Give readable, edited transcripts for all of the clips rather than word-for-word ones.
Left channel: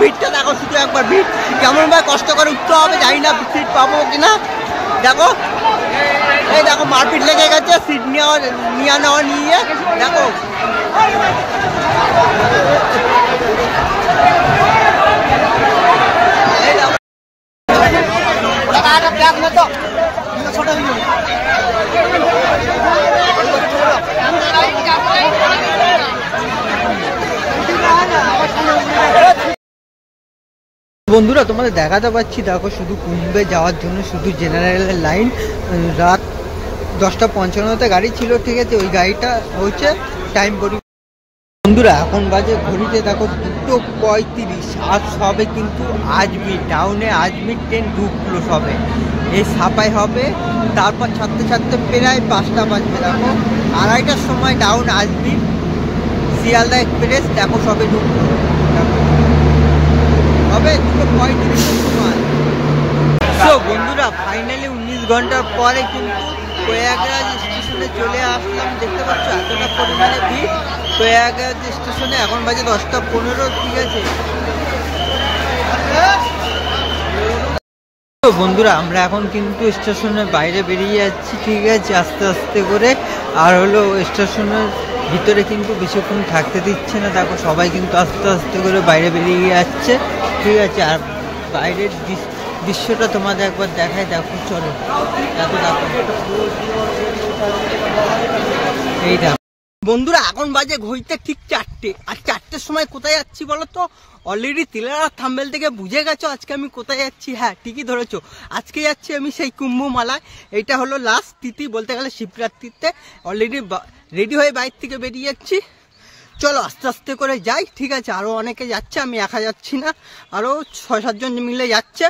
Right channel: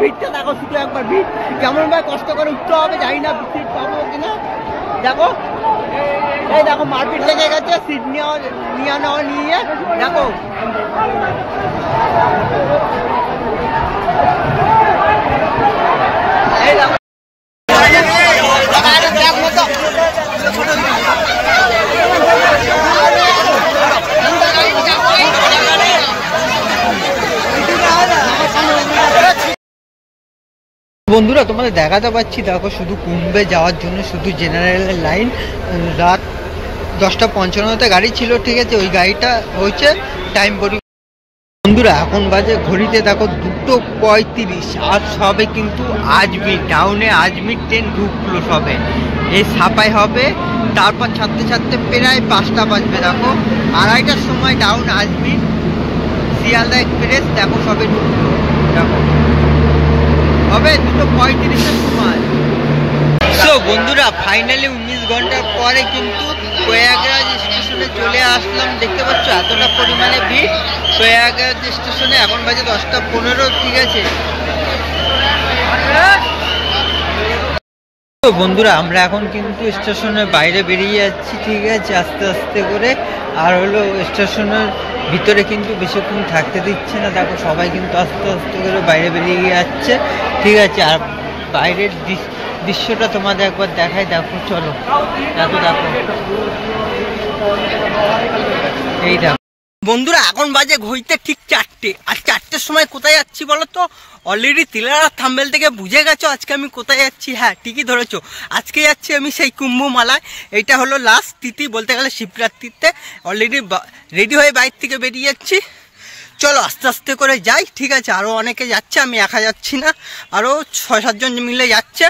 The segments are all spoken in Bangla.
ভিড়টা দেখো, শুধু একবার ভিড় কেমন ভাবে কষ্ট করে উঠতে হবে, জানি না সিট পাবো কিনা। দেখো এই দেখো মারপিট লেগে গেছে সিট নিয়ে দেখো। এই দেখো বন্ধুরা তোমাদের দেখাতে পাচ্ছি, দেখো শুধু কুম্ভে যাওয়ার জন্য শুধু জেনারেলের লাইন। রাত 10:55 গাড়ি ছিল, ঠিক আছে, ওই গাড়িটা হচ্ছে টাইম বন্ধুরা এখন বাজে ঘড়িতে দেখো 2:35 আর সবে কিন্তু আজমির ডাউনে আজমির ট্রেন ঢুকলো সবে। এই সাপাই হবে, তারপর ছাড়তে ছাড়তে প্রায় 5টা বাজবে। দেখো 2:30টার সময় ডাউন আজমির শিয়ালদা এক্সপ্রেস দেখো সবে ঢুকলো। দেখো হবে 2:35-এর সময়। তো বন্ধুরা ফাইনালি 19 ঘন্টার পরে কিন্তু প্রয়াগরাজ স্টেশনে চলে আসলাম। দেখতে পাচ্ছ এতটা পরিমাণে ভিড় প্রয়াগরাজ স্টেশনে। এখন বাজে 10:15, ঠিক আছে। তো বন্ধুরা আমরা এখন কিন্তু স্টেশনের বাইরে বেরিয়ে যাচ্ছি, ঠিক আছে, আস্তে আস্তে করে। আর হলো স্টেশনের ভিতরে কিন্তু বেশিক্ষণ থাকতে দিচ্ছে না। দেখো সবাই কিন্তু আস্তে আস্তে করে বাইরে বেরিয়ে যাচ্ছে, ঠিক আছে। আর বাইরের দৃশ্যটা তোমাদের একবার দেখাই, দেখো চলো। এত দেখো এই দেখো বন্ধুরা এখন বাজে ঘড়িতে ঠিক 4টে। আর 4টের সময় কোথায় যাচ্ছি বলো তো? অলরেডি তিলারা থাম্বেল থেকে বুঝে গেছো আজকে আমি কোথায় যাচ্ছি। হ্যাঁ ঠিকই ধরেছো, আজকে যাচ্ছি আমি সেই কুম্ভমেলায়। এইটা হলো লাস্ট তিথি, বলতে গেলে শিবরাত্রিতে। অলরেডি রেডি হয়ে বাইরে থেকে বেরিয়ে যাচ্ছি। চলো আস্তে আস্তে করে যাই, ঠিক আছে। আরও অনেকে যাচ্ছে, আমি একা যাচ্ছি না, আরও 6-7 জন মিলে যাচ্ছে।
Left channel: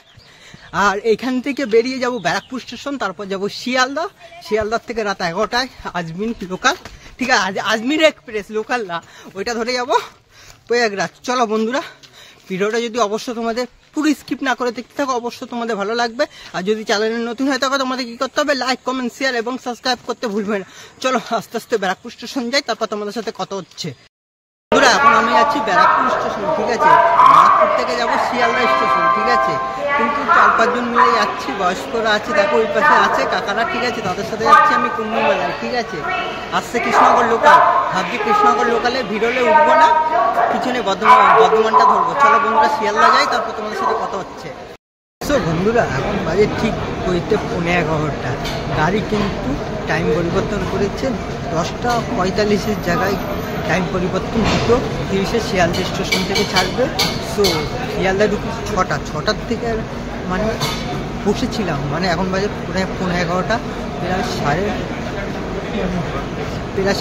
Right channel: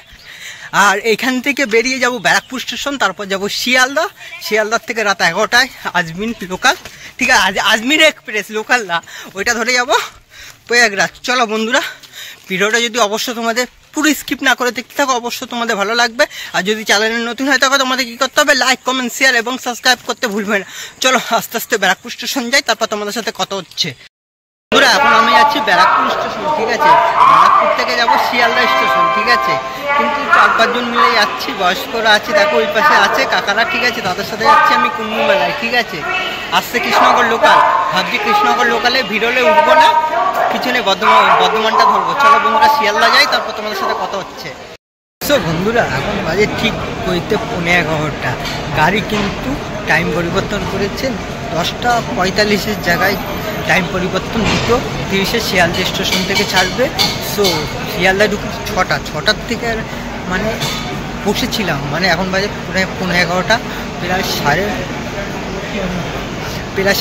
আর এইখান থেকে বেরিয়ে যাব ব্যারাকপুর স্টেশন, তারপর যাব শিয়ালদা। শিয়ালদার থেকে রাত 11টায় আজমির লোকাল, ঠিক আছে, আজমির এক্সপ্রেস লোকাল না, ওইটা ধরে যাব প্রয়াগরাজ। চলো বন্ধুরা ভিডিওটা যদি অবশ্য তোমাদের পুরো স্কিপ না করে দেখতে থাকো, অবশ্য তোমাদের ভালো লাগবে। আর যদি চ্যানেলে নতুন হয়ে থাকো তোমাদের কী করতে হবে? লাইক, কমেন্ট, শেয়ার এবং সাবস্ক্রাইব করতে ভুলবে না। চলো আস্তে আস্তে ব্যারাকপুর স্টেশন যাই, তারপর তোমাদের সাথে কথা হচ্ছে। বন্ধুরা এখন আমি যাচ্ছি ব্যারাকপুর স্টেশন, ঠিক আছে। ব্যারাকপুর থেকে যাব শিয়ালদা স্টেশন, ঠিক আছে। কিন্তু 4-5 জন মিলে যাচ্ছি, বয়স্করা আছে, দেখো ওই পাশে আছে কাকারা, ঠিক আছে। তাদের সাথে যাচ্ছি আমি কুম্ভমেলায়, ঠিক আছে। আসছে কৃষ্ণনগর লোকাল, ভাবছি কৃষ্ণনগর লোকালে ভিড়লে উঠবো না, পিছনে বর্ধমানটা ধরবো। চলো বন্ধুরা শিয়ালদা যাই, তারপর তোমাদের সাথে কথা হচ্ছে। তো বন্ধুরা এখন বাজে ঠিক কইতে 11:15। গাড়ি কিন্তু টাইম পরিবর্তন করেছে, 10:45-এর জায়গায় টাইম পরিবর্তন 2:30-এ শিয়ালদা স্টেশন থেকে ছাড়বে। সো শিয়ালদা ঢুকে 6টার থেকে মানে বসেছিলাম, মানে এখন বাজে প্রায় 11:15, প্রায়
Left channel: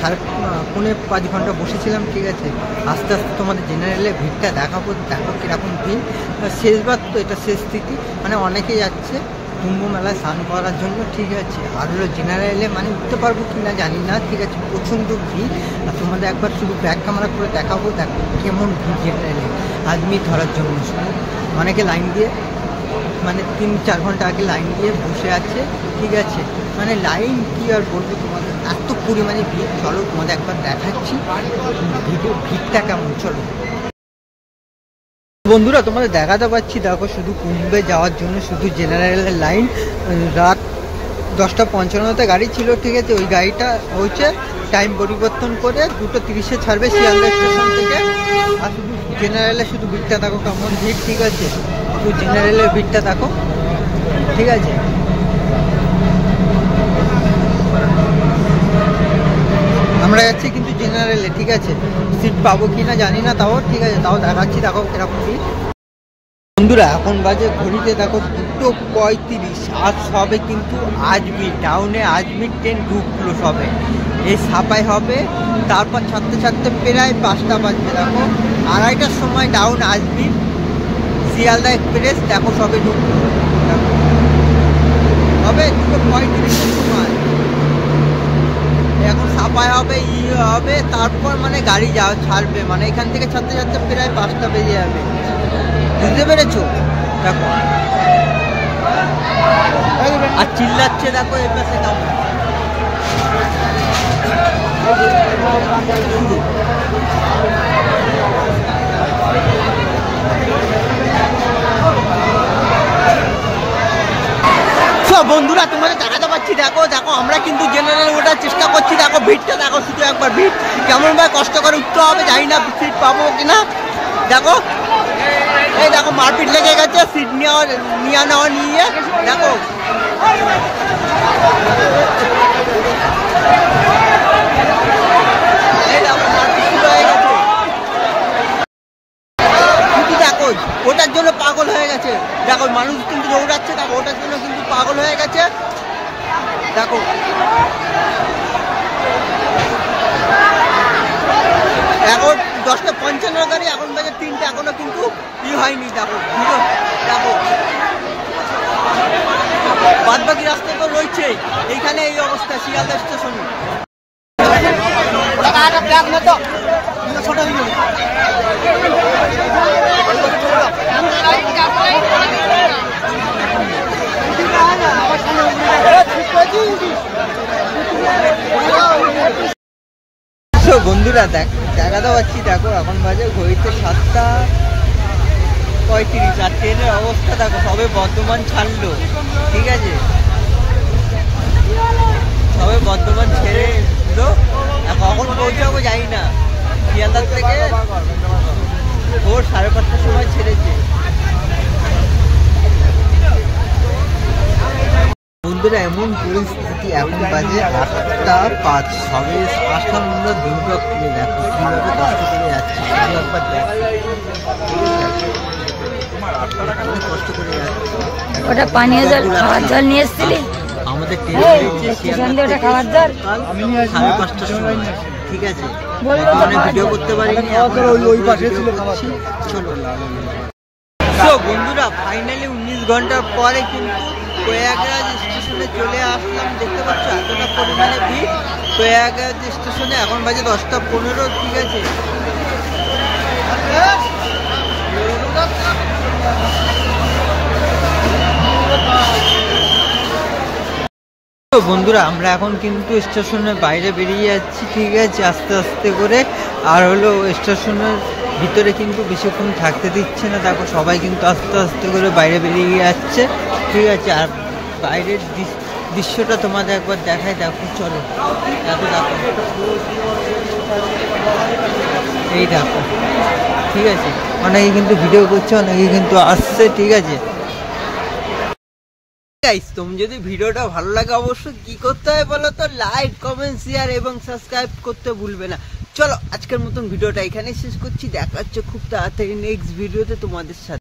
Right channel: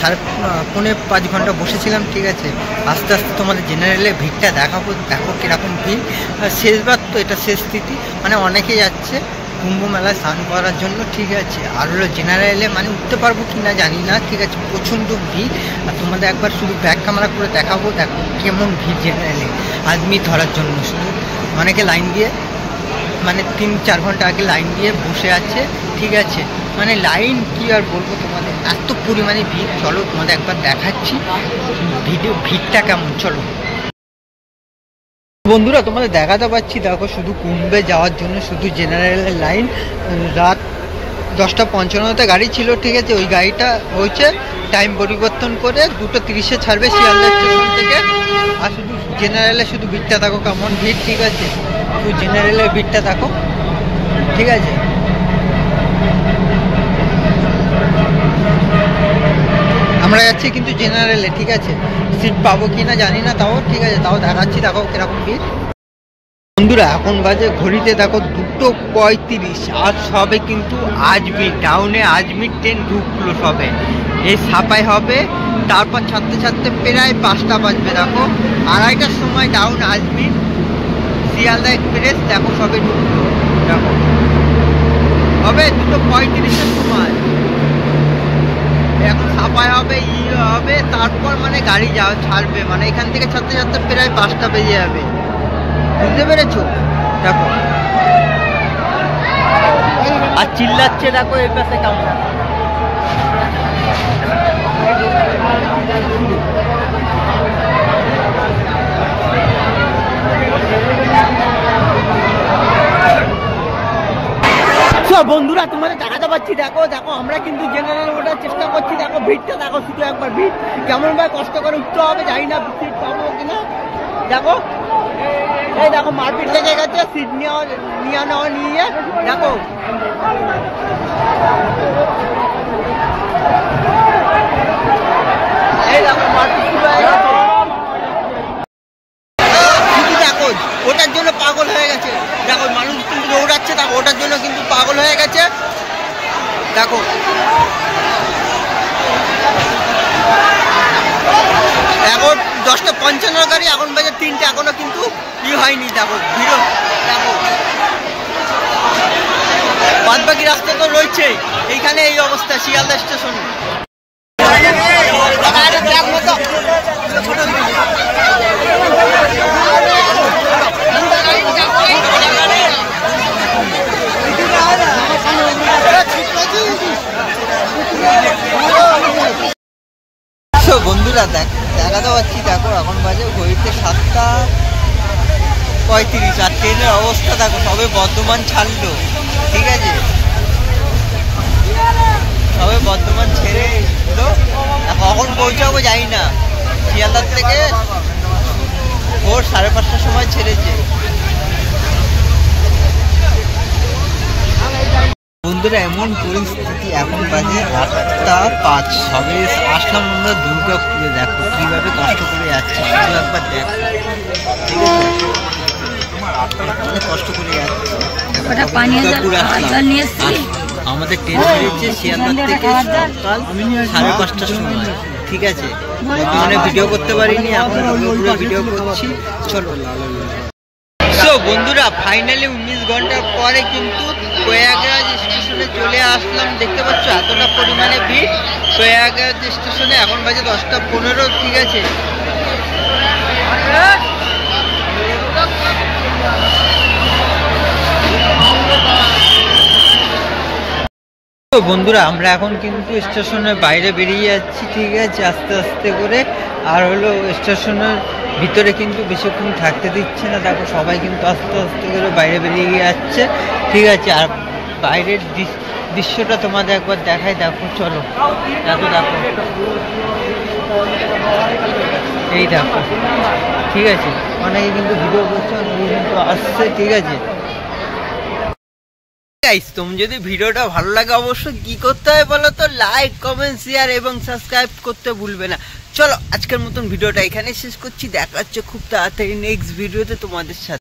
4:30 ঘন্টা বসেছিলাম, ঠিক আছে। আস্তে আস্তে তোমাদের জেনারেলে ভিড়টা দেখাবো, দেখো কীরকম ভিড়। শেষবার তো এটা শেষ তিথি, মানে অনেকে যাচ্ছে কুম্ভ মেলায় স্নান করার জন্য, ঠিক আছে। আর হলো জেনারেলে মানে উঠতে পারবো কি না জানি না, ঠিক আছে, প্রচণ্ড ভিড়। আর তোমাদের একবার শুধু ব্যাক ক্যামেরা করে দেখাবো, দেখো কেমন ভিড় জেনারেলে আদমি ধরার জন্য। শুধু অনেকে লাইন দিয়ে মানে 3-4 ঘন্টা আগে লাইন দিয়ে বসে আছে, ঠিক আছে। মানে লাইন কি আর বলবো তোমাদের, এত পরিমাণে ভিড়। চলো তোমাদের একবার দেখাচ্ছি ভিড়টা কেমন, চলো। বন্ধুরা তোমাদের দেখাতে পাচ্ছি, দেখো শুধু কুম্ভে যাওয়ার জন্য শুধু জেনারেলের লাইন। রাত 10:55 গাড়ি ছিল, ঠিক আছে, ওই গাড়িটা হচ্ছে টাইম পরিবর্তন করে 2:30-এ ছাড়বে শিয়ালদা স্টেশন থেকে। আর শুধু জেনারেলে শুধু ভিড়টা দেখো কেমন ভিড়, ঠিক আছে। শুধু জেনারেলের ভিড়টা দেখো, ঠিক আছে। আমরা যাচ্ছি কিন্তু জেনারেলে, ঠিক আছে। সিট পাবো কি না জানি না, তাও ঠিক আছে, তাও দেখাচ্ছি, দেখো কিরকম ভিড়। বন্ধুরা এখন বাজে ঘড়িতে দেখো 2:35 আর সবে কিন্তু আজমির ডাউনে আজমির ট্রেন ঢুকলো সবে। এই সাপাই হবে, তারপর ছাড়তে ছাড়তে প্রায় 5টা বাজবে। দেখো 2:30টার সময় ডাউন আজমির শিয়ালদা এক্সপ্রেস দেখো সবে ঢুকলো। দেখো হবে 2:35-এর সময়। এখন সাপাই হবে, হবে, তারপর মানে গাড়ি ছাড়বে, মানে এখান থেকে ছাড়তে ছাড়তে প্রায় 5টা বেজে যাবে, বুঝতে পেরেছো? দেখো আর চিল্লাচ্ছে, দেখো এই পাশে কেমন। বন্ধুরা তোমাদের দেখাতে পাচ্ছি, দেখো দেখো আমরা কিন্তু জেনারেল ওঠার চেষ্টা করছি। দেখো ভিড়টা দেখো, শুধু একবার ভিড় কেমন ভাবে কষ্ট করে উঠতে হবে, জানি না সিট পাবো কিনা। দেখো এই দেখো মারপিট লেগে গেছে সিট নিয়ে দেখো। এই দেখো মারপিট শুরু হয়ে গেছে, শুধু দেখো ওটার জন্য পাগল হয়ে গেছে। দেখো মানুষ কিন্তু দৌড়াচ্ছে, দেখো ওটার জন্য কিন্তু পাগল হয়ে গেছে। দেখো এখন 10:55 গাড়ি, এখন বাজে 3টে, এখনো কিন্তু হয়নি। দেখো ভিড়, দেখো বাদ বাকি রাস্তা তো রয়েছে। এইখানে এই অবস্থা শিয়ালদা স্টেশনে। বন্ধুরা দেখাতে পাচ্ছি, দেখো এখন বাজে ঘড়িতে 7:35, আর ট্রেনের অবস্থা দেখো সবে বর্ধমান ছাড়লো, ঠিক আছে সবে বর্ধমান ছেড়ে এলো, কখন পৌঁছাবো জানি না। শিয়ালদার থেকে ভোর 5:30টার সময় ছেড়েছে। বন্ধুরা এমন পরিস্থিতি, এখন বাজে 8:05, সবে আসলাম আমরা দুর্গাপুরে। দেখো কিভাবে কষ্ট করে যাচ্ছি, শুধু একবার দেখো, ঠিক আছে অনেক কষ্ট করে যাচ্ছি। আমাদের ট্রেন বেরিয়েছে শিয়ালদা থেকে সকাল 5:30টার সময়, ঠিক আছে বর্তমানে ভিডিও করতে পারিনি, এখন ভিডিও করছি। চলো বন্ধুরা ফাইনালি 19 ঘন্টার পরে কিন্তু প্রয়াগরাজ স্টেশনে চলে আসলাম। দেখতে পাচ্ছ এতটা পরিমাণে ভিড় প্রয়াগরাজ স্টেশনে। এখন বাজে 10:15, ঠিক আছে বন্ধুরা আমরা এখন কিন্তু স্টেশনের বাইরে বেরিয়ে যাচ্ছি, ঠিক আছে আস্তে আস্তে করে। আর হলো স্টেশনের ভিতরে কিন্তু বেশিক্ষণ থাকতে দিচ্ছে না। দেখো সবাই কিন্তু আস্তে আস্তে করে বাইরে বেরিয়ে যাচ্ছে, ঠিক আছে। আর বাইরের দৃশ্যটা তোমাদের একবার দেখাই, দেখো চলো এত দেখো, এই দেখো ঠিক আছে। অনেকে কিন্তু ভিডিও করছে, অনেকে কিন্তু আসছে, ঠিক আছে। তুমি যদি ভিডিওটা ভালো লাগে অবশ্যই কি করতে হয় বলো তো, লাইক কমেন্ট শেয়ার এবং সাবস্ক্রাইব করতে ভুলবে না। চলো আজকের মতন ভিডিওটা এখানে শেষ করছি, দেখা হচ্ছে খুব তাড়াতাড়ি নেক্সট ভিডিওতে তোমাদের সাথে।